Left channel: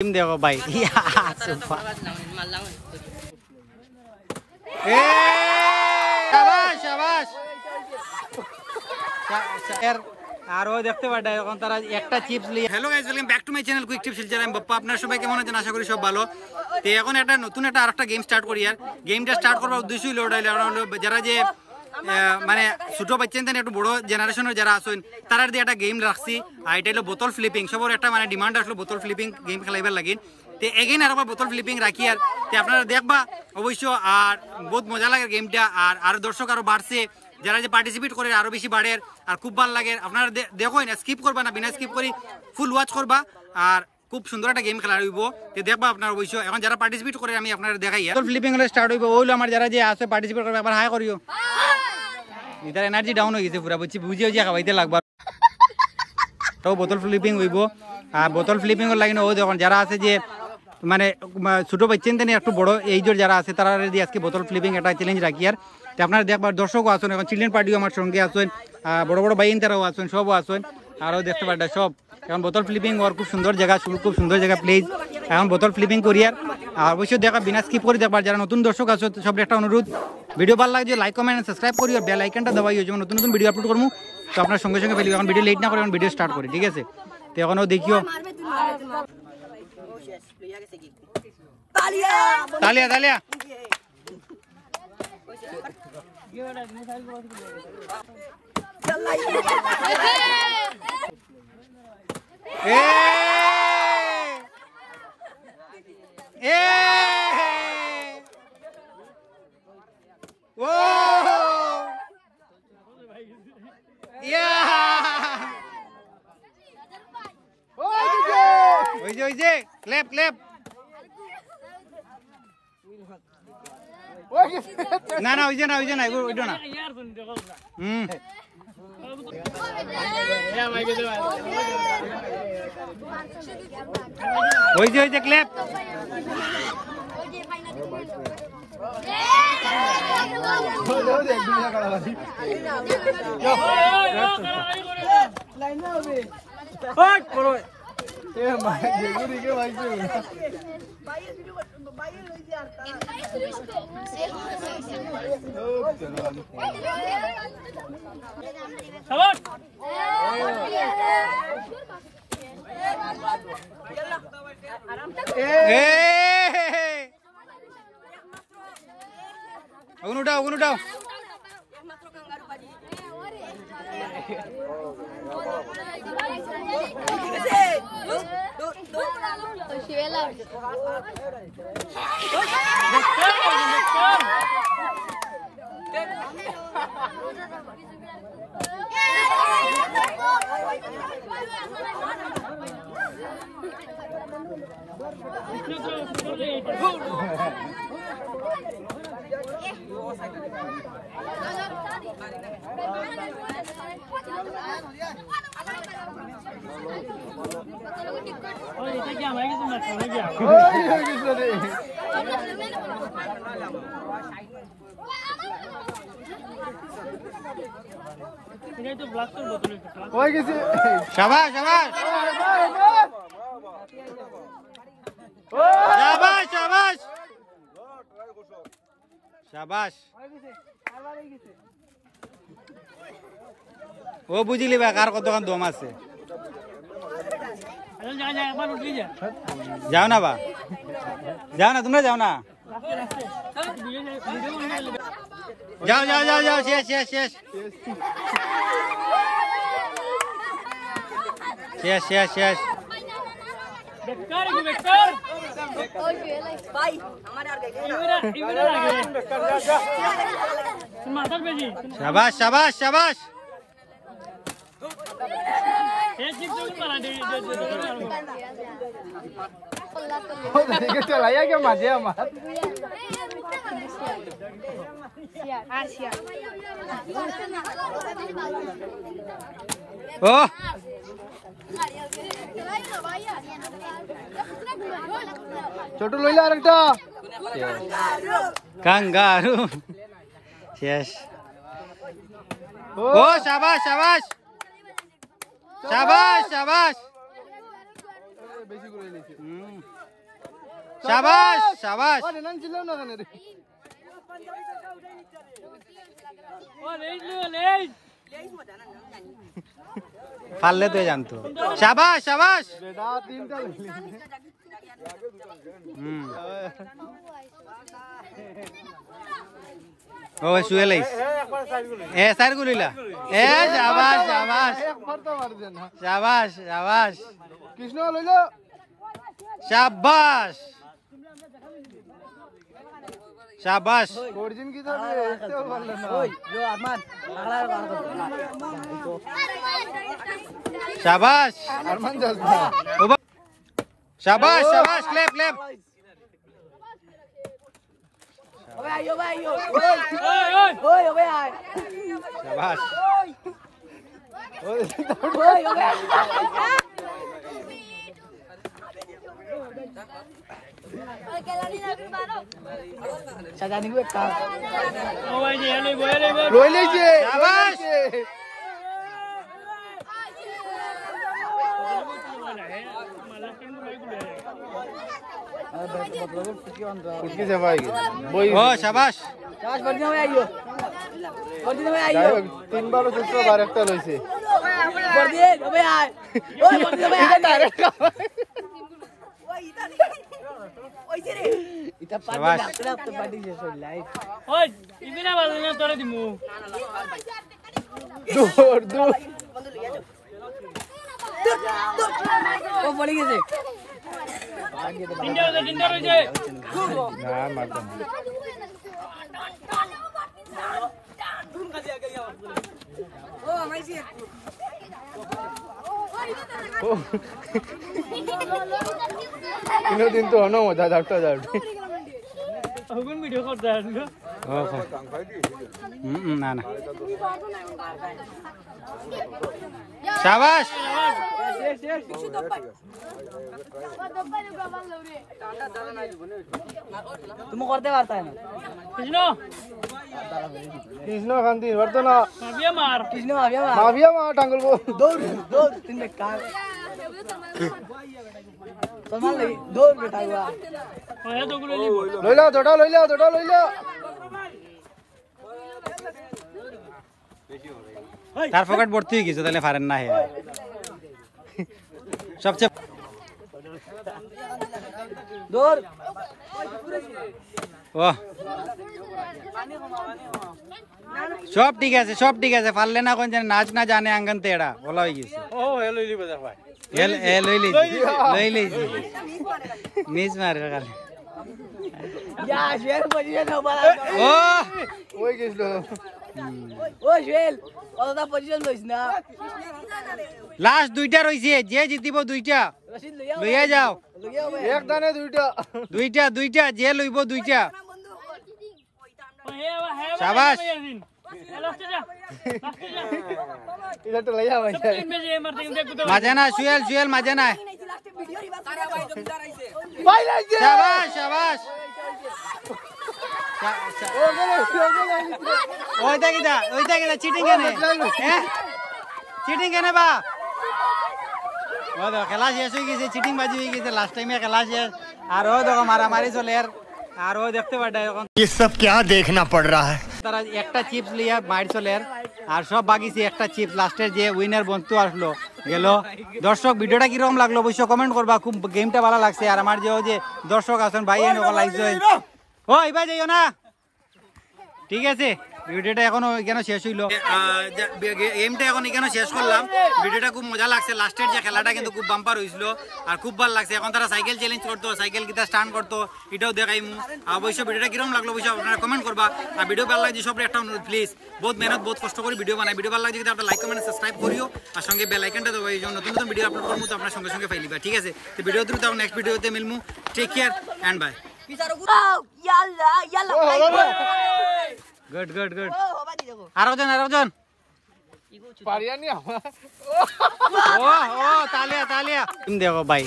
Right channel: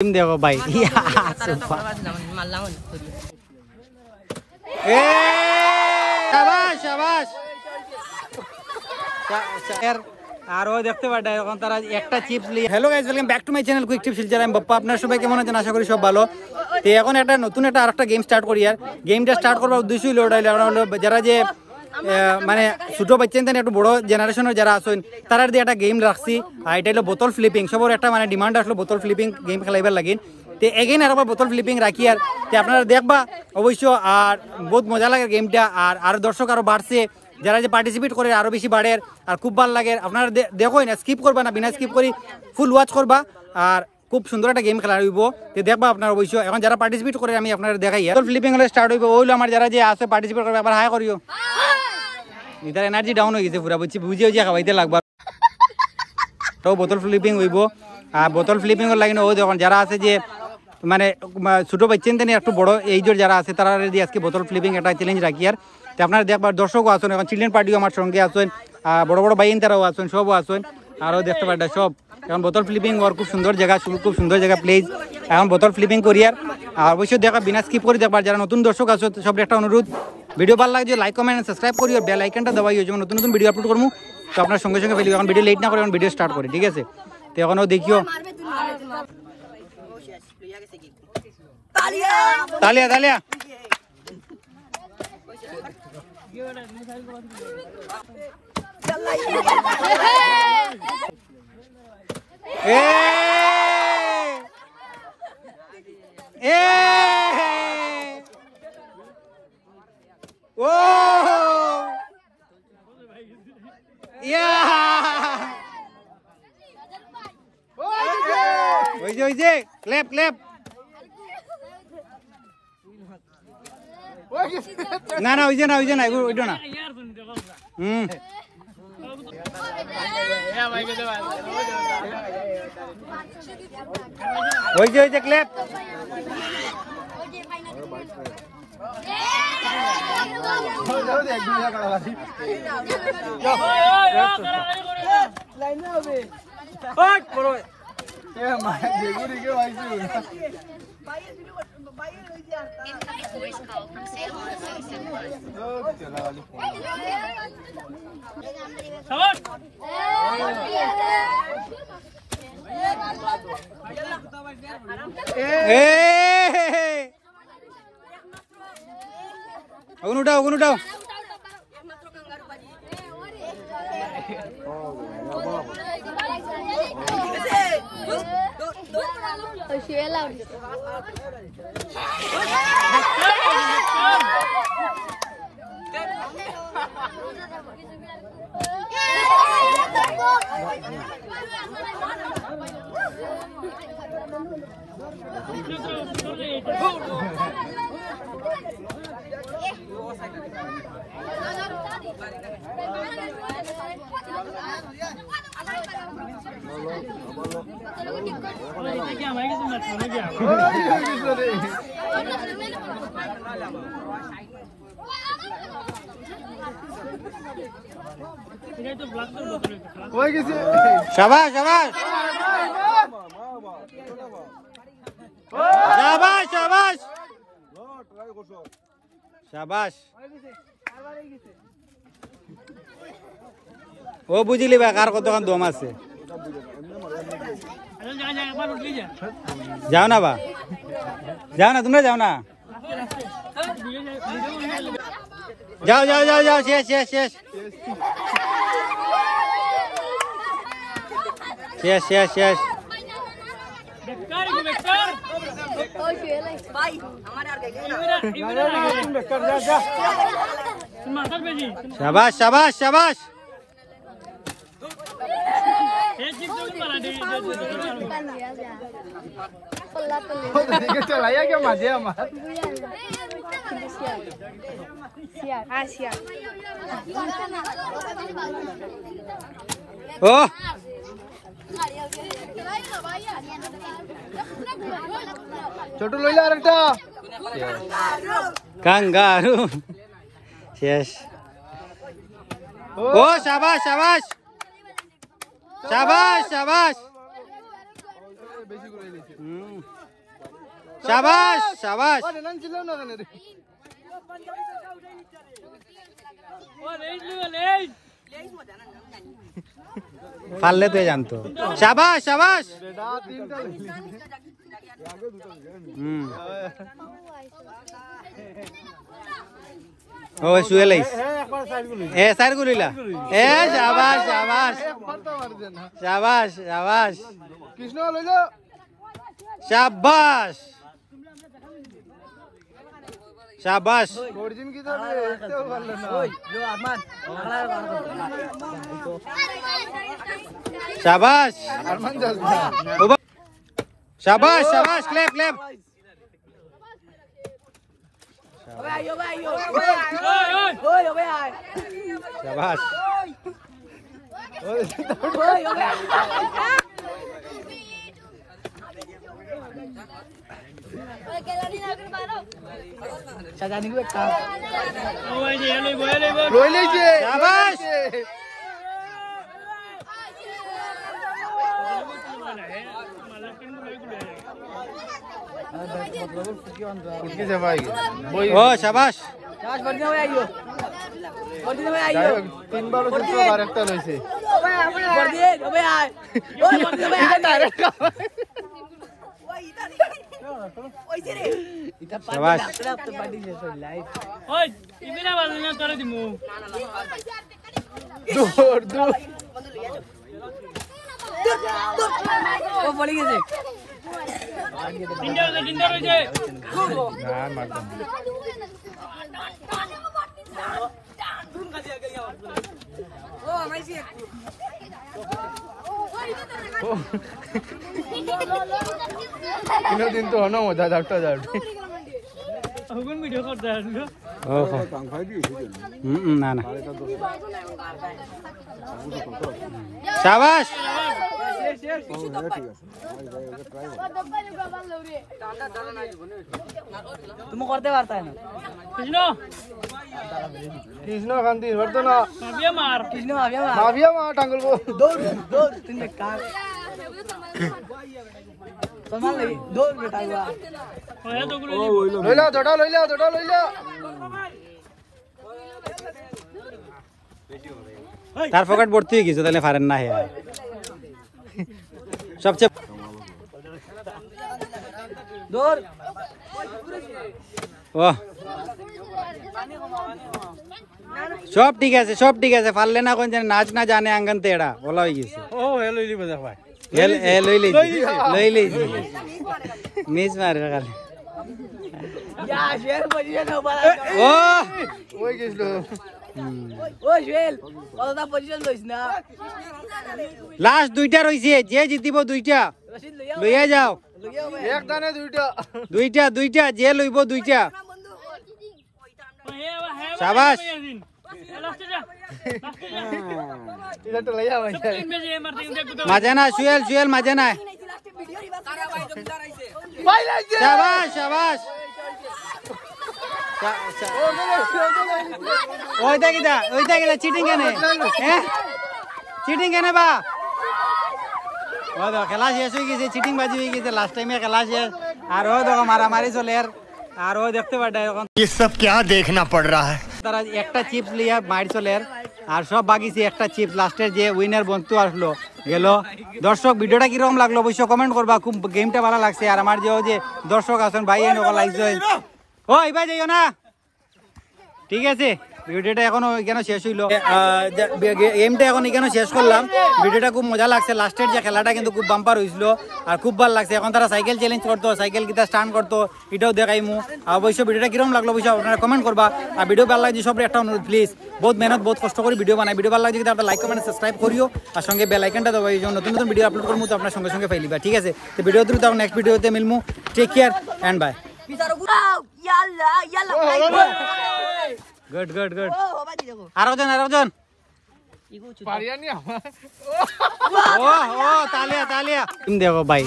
टीम देखो भाई शाबाश शाबाश আর ও দেখতে পাটা এখন তারা একটা চিপস নিয়ে hello guys welcome back to my channel quick tip Silchar আমি বাপ্পা আপনারা সবাই কেমন আছেন আশা করি সব ভালো তো এখন একটা নতুন একটা আরেকটা গেম স্টার্ট করি আর গেমটা স্টার্ট করার উদ্দেশ্য হলো যারা যে মানে ছোট বাচ্চা একটু বড় জেনারেশনের যারা আছেন তারা দিয়ে একটা গেম রাখছি আর এটা হলো বোতল ফ্লিপিং সবার একটা মানে ডিমান্ড আসলো বোতল ফ্লিপিং গেম খেলাইবার লাগে তো এগেইন আর বোতল ফ্লিপিং রাখি আর আপনারা দেখবা অবশ্য আর বহুত মজা লাগে গেমটা আর দর্শক আরো বাড়ছে যারা যে পার্টিসিপেট করে আরো বেশি বাড়ে আর খুব ভালো লাগে আপনারা দেখো না স্কিপ করবা না বিনা স্কিপ করি ফুল ওয়াচ করবা আর খুব সুন্দর একটা গেম খেলা হইব তো দেখবা আপনার অবশ্য এখন যারা পার্টিসিপেট করে আমি আপনারা দেখাই বোতল ফ্লিপিং হলে স্টার্ট হইব ওইলো আমার যারা যে আছে পার্টিসিপেট করবে আবার হাই করিও ইতার এনার্জি ডাউন হয়ে গেছে পুরা বুঝি হয়েছে খাওয়াইতে লাগবা তো বোতল ফ্লিপিং হইব আর বোতল ফ্লিপিং এর লাগে ও যখন যারা আছে যে মানে ছোট বাচ্চা একটু বড় এইজোর যারা আছে তারা দিয়ে আজকে বোতল ফ্লিপিং একটা চ্যালেঞ্জ রাখি আর আপনারা দেখবার দর্শকও আসেন এখন চিলড্রেন পার্টিও আমার সঙ্গে আসেন বড় বড় বাইন তারাও আসেন সবও আসেন আরও দেখতে পারটা সব এখন বোতল ফ্লিপিং ওর খুব সুন্দর জায়গা প্লেস এখন বোতল ফ্লিপিং করি আর অবশ্যই দেখা বিনা স্কিপ করে দেখবার যারা নতুন দর্শক আছে সব একটা অনুরোধ ভিডিও ভালো লাগে লাইক কমেন্ট সাবস্ক্রাইব করি আর বেল আইকনটা দবাই যেমন নতুন নতুন ভিডিও আপলোড করবো তো আপনার সঙ্গে সঙ্গে ফেলি এখন ভিডিও লেট না করে এখন ভিডিও স্টার্ট করি ঠিক আছে তো এখনও দেখিও তালিয়া তালিয়া ক্লেপ ক্লেপ না না ওই যে না ওইটা না ওই যে ক্লেপ আগুন উঠাও शाबाश शाबाश शाबाश शाबाश शाबाश ও বুঝিলি বা কার কতক্ষণ দম আছে যাও না বা যাও না তোমরা যাও না যাও শেষ शाबाश शाबाश शाबाश ओ ছোট লইলা আরেকটা কাঙ্গারু শেষ ও শাবাশ শাবাশ শাবাশ শাবাশ বেশি করে দিয়েছে शाबाश शाबाश फालले तो जानतो शाबाश शाबाश ओ सुएलाइस ए सार गुलिला ए शाबाश शाबाश शाबाश शाबाश कृष्ण लइलो शाबाश शाबाश गर्जिन की तो शाबाश शाबाश शाबाश क्लैप क्लैप शाबाश शाबाश ओ शाबाश शाबाश दिन तो होना होता डाक्टर वीडियो करता है ना ना शाबाश तुम करते पारता है कृष्ण गांधी वर्तो ना कृष्ण माफिया मार टांगल को दौड़ दौड़ तीन कार कमाल लगी दौड़ बेटा हुआ ले लो तार फकट भर्ती হয়ে গেছে তাহলে পারেন না হে সবচেয়ে দৌড় ও সব ঠিক আছে পারলে না কোন নাচ না জানে আঙ্গন তেড়া বলা হয়ে গেছে ও লই লইছি মিস মারে খালি যা শেয়ার পজিশন বলা ও ওই গেছিল ও জুয়েল ওটা পজিশন লইছ না লাস্ট দুইটা রইছে যে জিতিব দুইটা লইয়া যাও এক দানে দুইটা যে লইব দুইটা শাবাশ এটা তো লইয়া ভাই মাজানা সুয়েল মাজানা শাবাশ ওইটা কিটা চিটিং কেনে চিটিং কেনে বা ও দেখো খেলা শেষ হয়ে গেছে চিটিং বাজি হয়ে গেছে লাস্ট টাইমে খেলা শেষ আর ও দেখো মারামারি চলে আর ও দেখতে পারটা এখন ये सब क्या देखना पड़ रहा है তারা একটা চিপস লিয়া মাইর চলে আর সব বাকিছে একটা চিপস লাস্টের যে উইনার বন্ধু আসলো গেল দর্শক ভিডিওটা কিরকম লাগলো অবশ্যই কমেন্ট করবা খুব গেমটা ভালো লাগছে আর আমার যে দর্শক আছেন ভাই এনে লাইক ও এবার যাইও না ঠিক আছে ভিডিওটা এখনো কেন শেষ হইলো গেমটা এখন এখানে শেষ করলাম ভিডিওটা খুব মজা লাগছে লাস্টের যে খেলাটা কিন্তু খুব বাম্পার হয়েছিল আর খুব ভালো লাগছে এখন তারা সাইকেল চ্যালেঞ্জ করতো সাইকেল কিটা স্টান্ট করতো এটাও দেখাইমু অবশ্যই ভিডিওটা কিরকম লাগলো অবশ্যই আপনারা কমেন্ট করবা আর ভিডিও ভালো লাগছে সব একটা অনুরোধ প্লিজ বহুত মেহনত বহুত কষ্ট করে ভিডিও বানাই ভিডিও ভালো লাগছে কিন্তু আপনারা লাইক কমেন্ট সাবস্ক্রাইব করিও আর সঙ্গে বেল আইকনটা দাও এই জন্য নতুন নতুন ভিডিও আপলোড করবো তো আপনার সঙ্গে সঙ্গে পাইলিবা ঠিক আছে তো ভিডিও দ্রুত নেক্সট ভিডিওতে মিলমু টেক কেয়ার এন্ড বাই गुड आरोजन तालिया तुम देखो भाई